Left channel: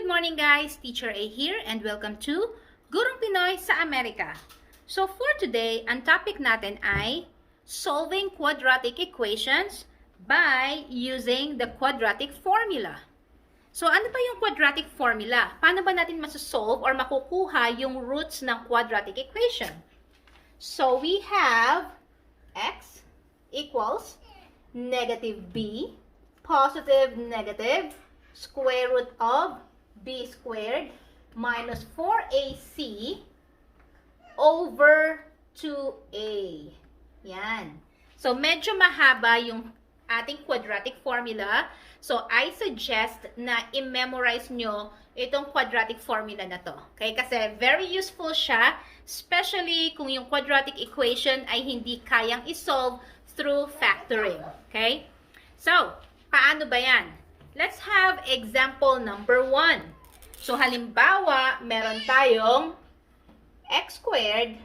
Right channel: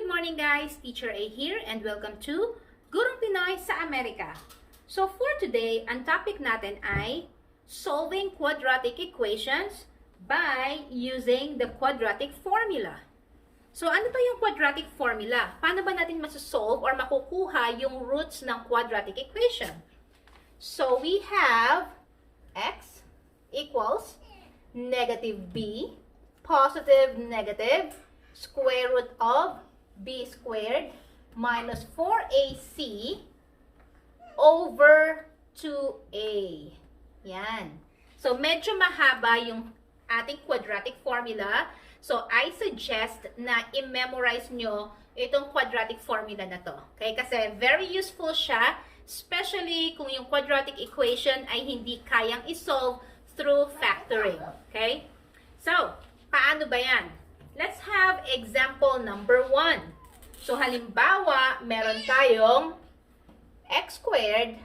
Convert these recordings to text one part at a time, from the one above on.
Good morning guys, Teacher A here and welcome to Gurong Pinoy sa Amerika. So for today, ang topic natin ay solving quadratic equations by using the quadratic formula. So ano ba yung quadratic formula? Paano ba natin masosolve or makukuha yung roots ng quadratic equation? So we have x equals negative b, positive negative, square root of b squared minus 4ac over 2a. Yan. So, medyo mahaba yung ating quadratic formula. So, I suggest na i-memorize nyo itong quadratic formula na to. Okay? Kasi very useful siya, especially kung yung quadratic equation ay hindi kayang isolve through factoring. Okay? So, paano ba yan? Let's have example number 1. So, halimbawa, meron tayong x squared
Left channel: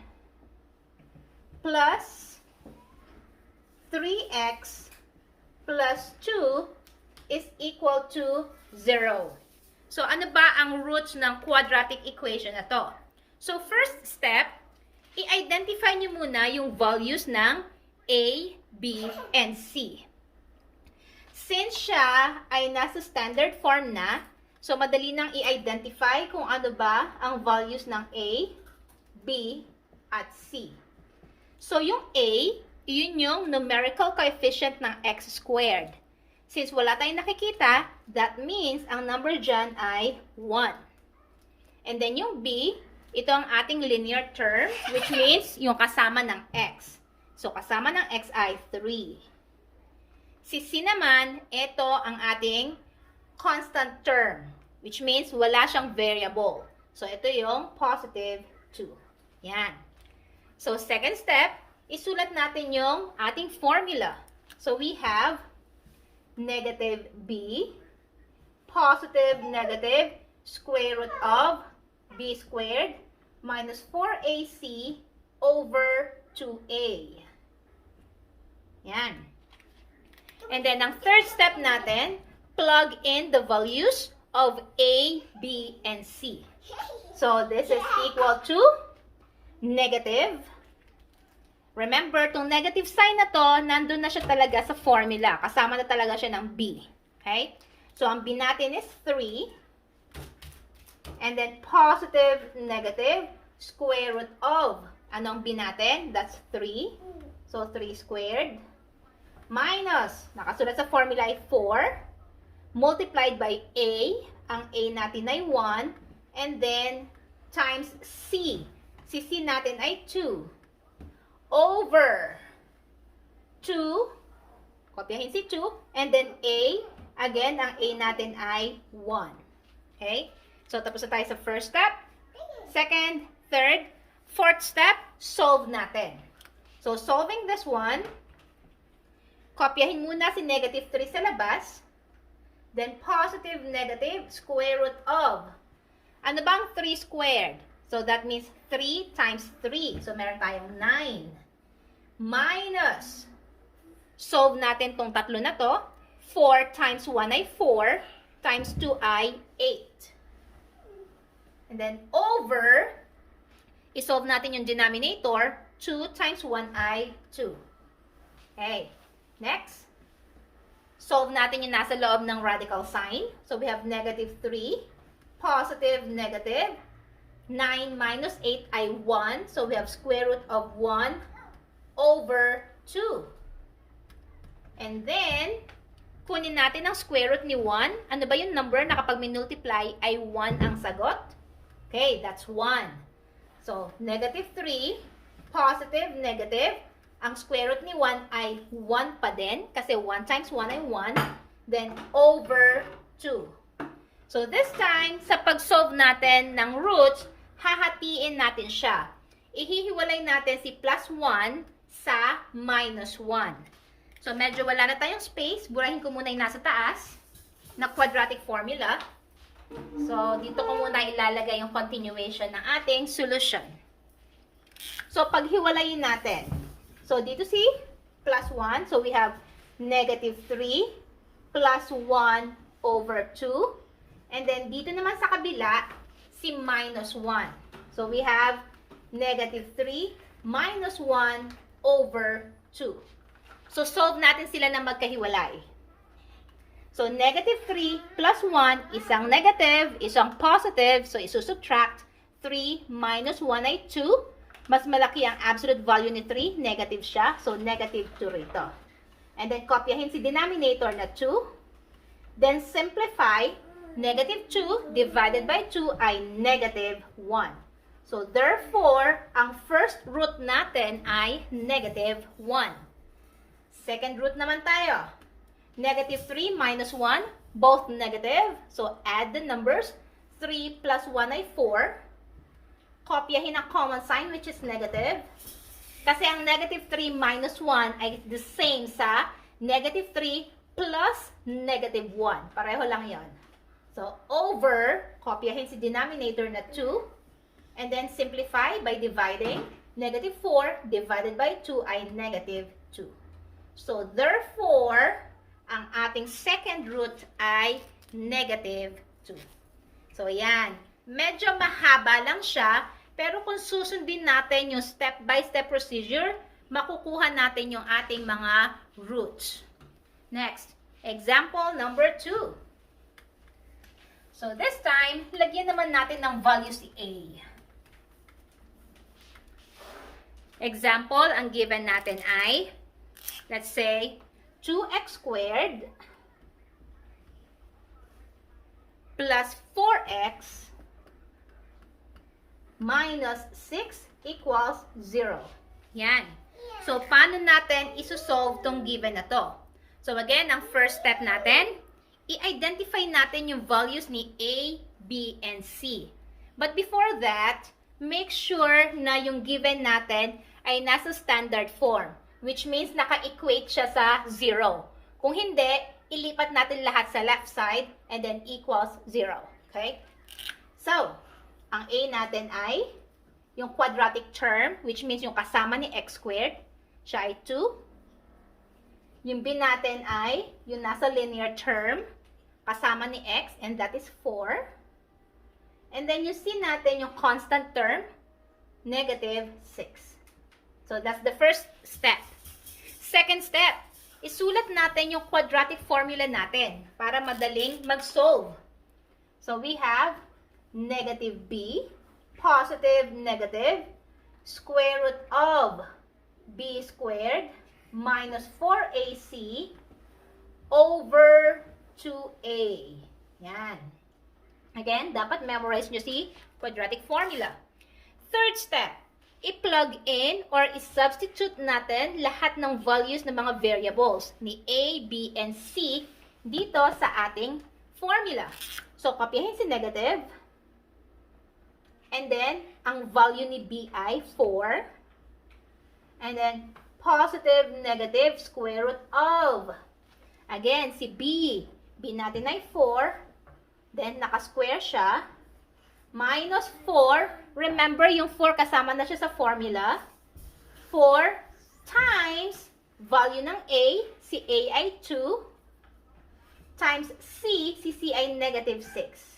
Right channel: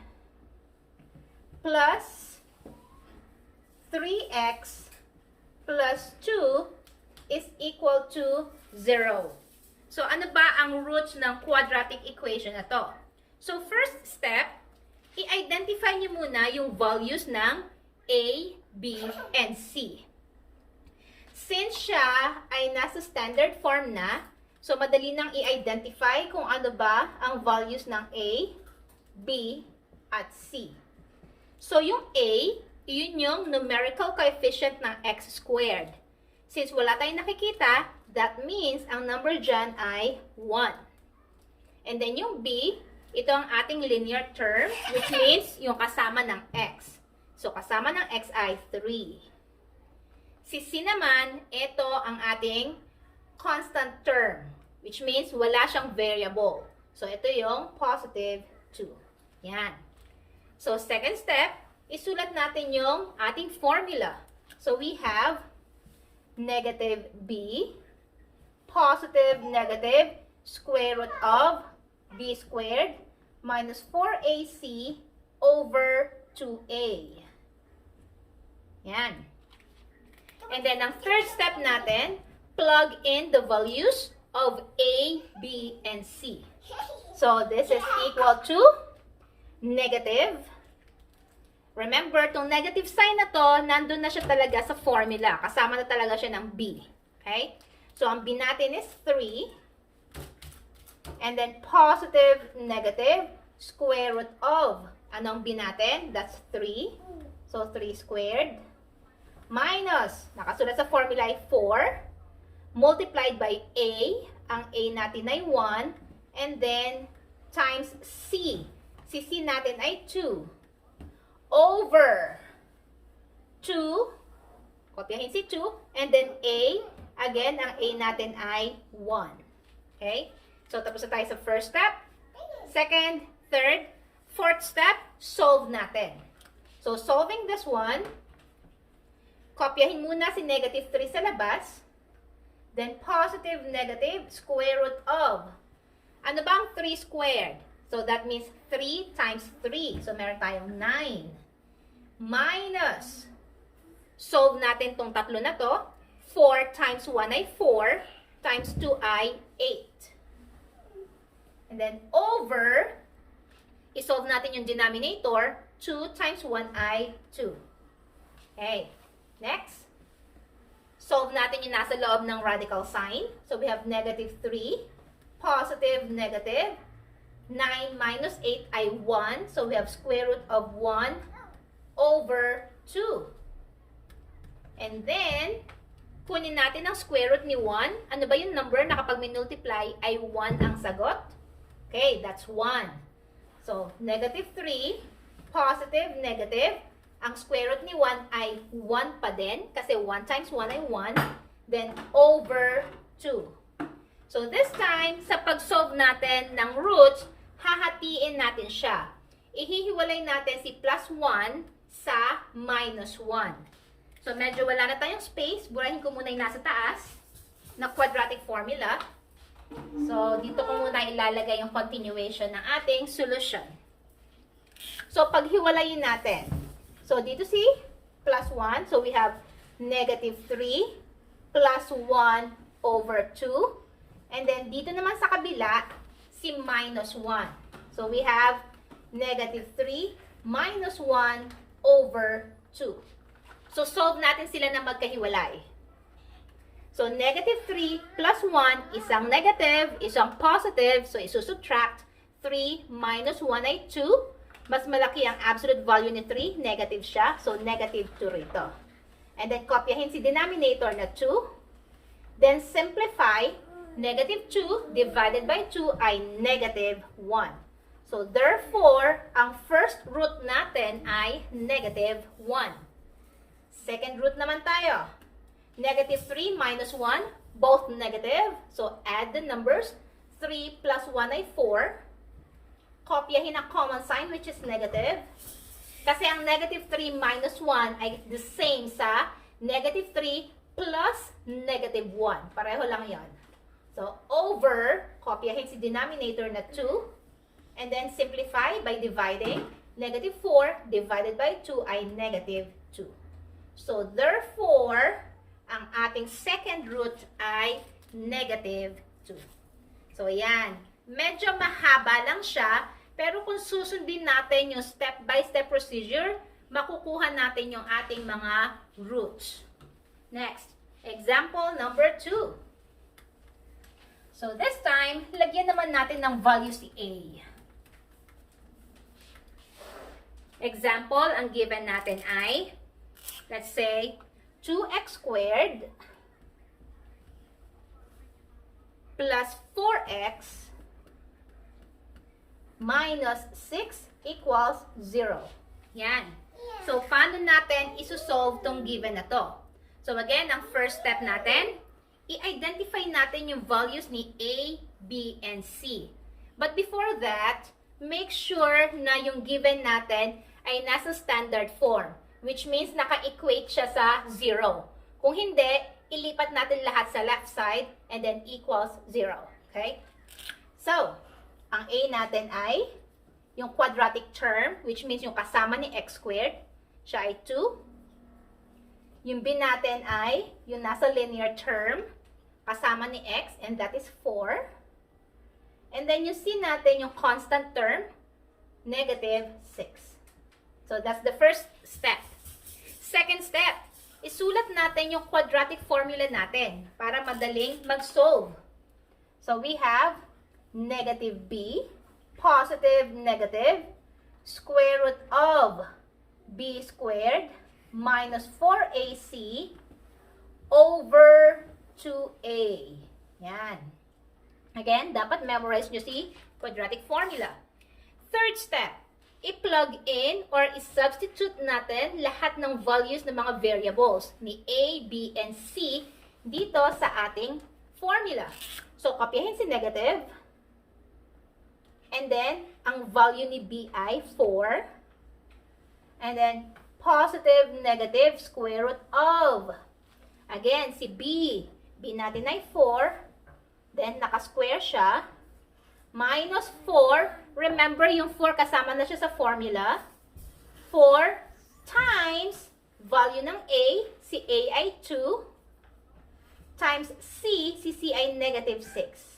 plus 3x plus 2 is equal to 0. So, ano ba ang roots ng quadratic equation na to? So, first step, i-identify nyo muna yung values ng a, b, and c. Since siya ay nasa standard form na, so madali nang i-identify kung ano ba ang values ng A, B, at C. So yung A, yun yung numerical coefficient ng x squared. Since wala tayong nakikita, that means ang number dyan ay 1. And then yung B, ito ang ating linear term, which means yung kasama ng x. So kasama ng x ay 3. Si C naman, ito ang ating constant term, which means wala siyang variable. So, ito yung positive 2. Yan. So, second step, isulat natin yung ating formula. So, we have negative b, positive negative, square root of b squared minus 4ac over 2a. Yan. And then, ang third step natin, plug in the values of A, B, and C. So, this is equal to negative. Remember, itong negative sign na to, nandun na siya talaga sa formula. Kasama na talaga siya ng B. Okay? So, ang B natin is 3. And then, positive, negative, square root of. Ano ang B natin? That's 3. So, 3 squared. Minus, nakasulat sa formula ay 4, multiplied by A, ang A natin ay 1, and then times C. Si C natin ay 2, over 2, kopyahin si 2, and then A, again, ang A natin ay 1. Okay? So, tapos na tayo sa first step. Second, third, fourth step, solve natin. So, solving this one, kopyahin muna si negative 3 sa labas. Then, positive, negative, square root of. Ano ba ang 3 squared? So, that means 3 times 3. So, meron tayong 9. Minus. Solve natin tong tatlo na to. 4 times 1 ay 4. Times 2 ay 8. And then, over. I-solve natin yung denominator. 2 times 1 ay 2. Okay. Next, solve natin yung nasa loob ng radical sign. So, we have negative 3, positive, negative. 9 minus 8 ay 1. So, we have square root of 1 over 2. And then, kunin natin ang square root ni 1. Ano ba yung number na kapag minultiply ay 1 ang sagot? Okay, that's 1. So, negative 3, positive, negative. Ang square root ni 1 ay 1 pa din, kasi 1 times 1 ay 1, then over 2. So, this time, sa pag-solve natin ng roots, hahatiin natin siya. Ihihiwalay natin si plus 1 sa minus 1. So, medyo wala na tayong space. Burahin ko muna yung nasa taas na quadratic formula. So, dito ko muna ilalagay yung continuation ng ating solution. So, paghiwalayin natin. So, dito si plus 1. So, we have negative 3 plus 1 over 2. And then, dito naman sa kabila, si minus 1. So, we have negative 3 minus 1 over 2. So, solve natin sila na magkahiwalay. So, negative 3 plus 1, isang negative, isang positive. So, isusubtract. 3 minus 1 ay 2. Mas malaki ang absolute value ni 3. Negative siya. So, negative 2 rito. And then, kopyahin si denominator na 2. Then, simplify. Negative 2 divided by 2 ay negative 1. So, therefore, ang first root natin ay negative 1. Second root naman tayo. Negative 3 minus 1, both negative. So, add the numbers. 3 plus 1 ay 4. Kopyahin ang common sign, which is negative. Kasi ang negative 3 minus 1 ay the same sa negative 3 plus negative 1. Pareho lang yon. So, over, kopyahin si denominator na 2. And then, simplify by dividing. Negative 4 divided by 2 ay negative 2. So, therefore, ang ating second root ay negative 2. So, yan. Medyo mahaba lang siya, pero kung susundin natin yung step-by-step procedure, makukuha natin yung ating mga roots. Next, example number 2. So, this time, lagyan naman natin ng value si A. Example, ang given natin ay, let's say, 2x squared plus 4x minus 6 equals 0. Yan. So, paano natin isosolve tong given na to? So, again, ang first step natin, i-identify natin yung values ni A, B, and C. But before that, make sure na yung given natin ay nasa standard form, which means naka-equate siya sa 0. Kung hindi, ilipat natin lahat sa left side and then equals 0. Okay? So, ang A natin ay yung quadratic term, which means yung kasama ni x squared, siya ay 2. Yung B natin ay yung nasa linear term, kasama ni x, and that is 4. And then yung C natin, yung constant term, negative 6. So, that's the first step. Second step, isulat natin yung quadratic formula natin para madaling mag-solve. So, we have negative b, positive negative, square root of b squared minus 4ac over 2a. Yan. Again, dapat memorize nyo si quadratic formula. Third step, i-plug in or i-substitute natin lahat ng values ng mga variables ni a, b, and c dito sa ating formula. So, kopyahin si negative. And then, ang value ni b ay 4. And then, positive, negative, square root of. Again, si b. B natin ay 4. Then, naka-square siya. Minus 4. Remember, yung 4 kasama na siya sa formula. 4 times value ng a. Si a ay 2. Times c. Si c ay negative 6.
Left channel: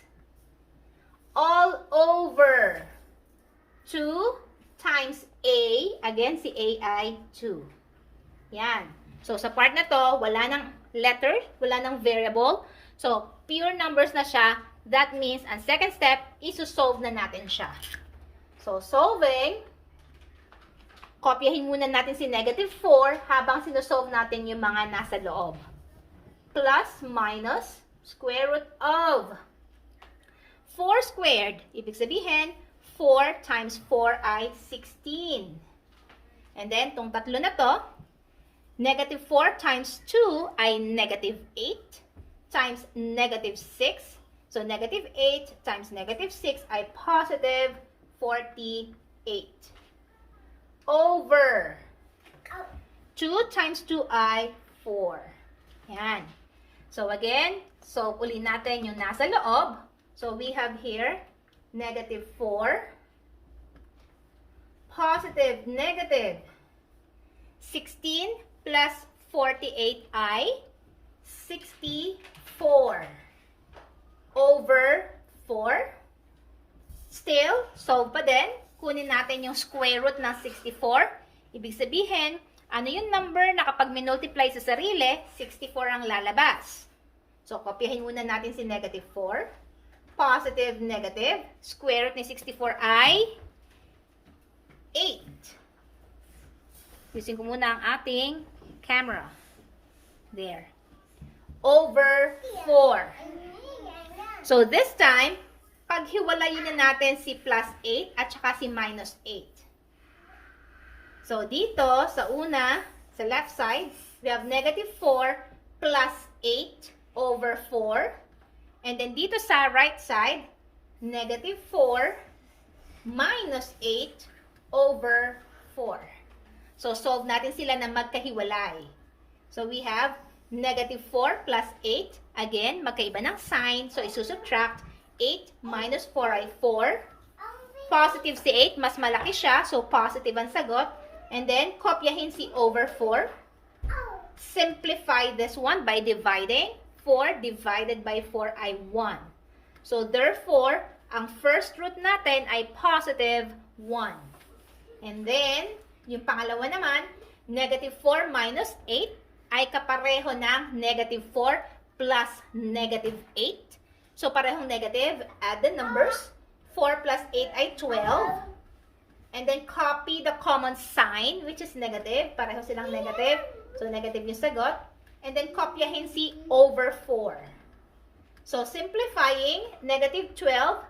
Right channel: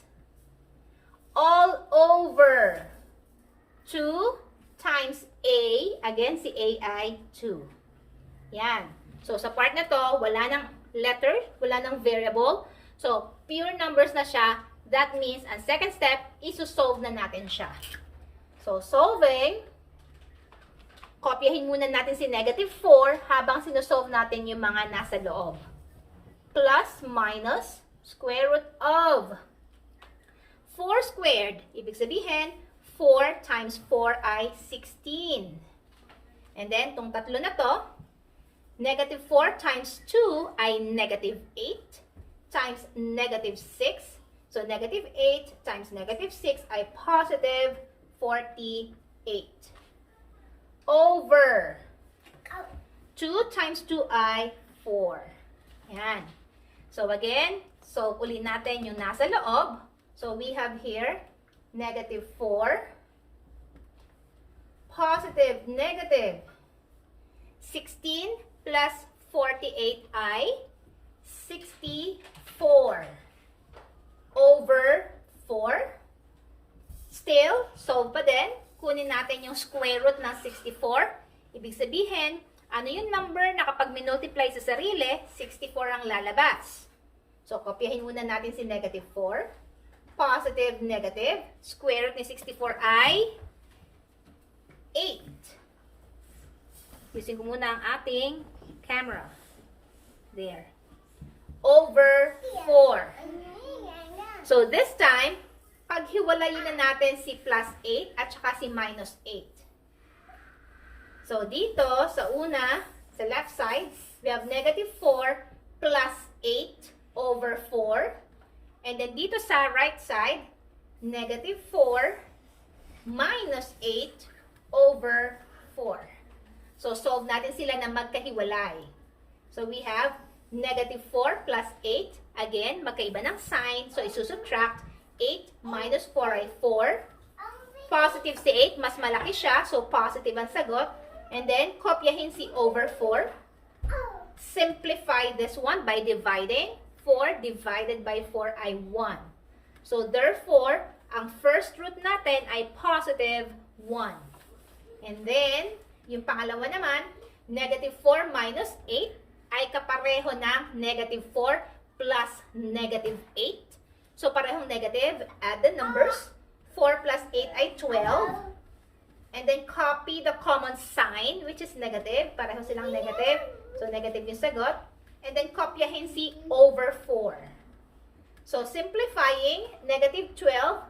All over 2 times a. Again, si a ay 2. Yan. So, sa part na to, wala nang letter, wala nang variable. So, pure numbers na siya. That means, ang second step, iso-solve na natin siya. So, solving, kopyahin muna natin si negative 4 habang sinosolve natin yung mga nasa loob. Plus, minus, square root of 4 squared. Ibig sabihin, 4 times 4 ay 16. And then, itong tatlo na to, negative 4 times 2 ay negative 8 times negative 6. So, negative 8 times negative 6 ay positive 48. Over 2 times 2 ay 4. Yan. So, again, solve uli natin yung nasa loob. So, we have here negative 4, positive negative 16 plus 48 ay 64 over Still, solve pa din. Kunin natin yung square root ng 64. Ibig sabihin, ano yung number na kapag minultiply sa sarili, 64 ang lalabas. So, kopyahin muna natin si negative 4. Positive, negative. Square root ni 64 ay 8. Using ko muna ang ating camera. There. Over 4. So, this time, paghiwalayin na natin si plus 8 at saka si minus 8. So, dito, sa una, sa left side, we have negative 4 plus 8 over 4. And then dito sa right side, negative 4 minus 8 over 4. So, solve natin sila na magkahiwalay. So, we have negative 4 plus 8. Again, magkaiba ng sign. So, isusubtract. 8 minus 4 ay 4. Positive si 8, mas malaki siya. So, positive ang sagot. And then, kopyahin si over 4. Simplify this one by dividing. 4 divided by 4 ay 1. So, therefore, ang first root natin ay positive 1. And then, yung pangalawa naman, negative 4 minus 8 ay kapareho ng negative 4 plus negative 8. So, parehong negative. Add the numbers. 4 plus 8 ay 12. And then, copy the common sign, which is negative. Pareho silang negative. So, negative yung sagot. And then, kopyahin si over 4. So, simplifying, negative 12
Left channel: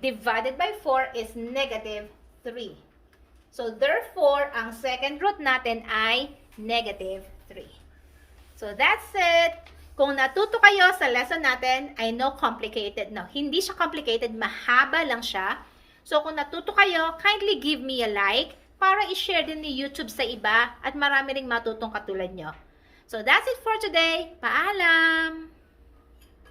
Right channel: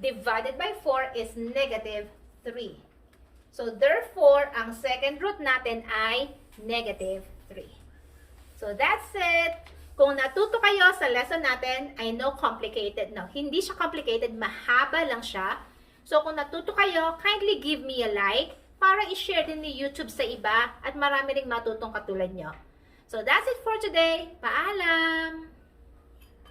divided by 4 is negative 3. So, therefore, ang second root natin ay negative 3. So, that's it. Kung natuto kayo sa lesson natin, I know complicated. No, hindi siya complicated. Mahaba lang siya. So, kung natuto kayo, kindly give me a like para i-share din ni YouTube sa iba at marami ring matutong katulad nyo. So, that's it for today. Paalam!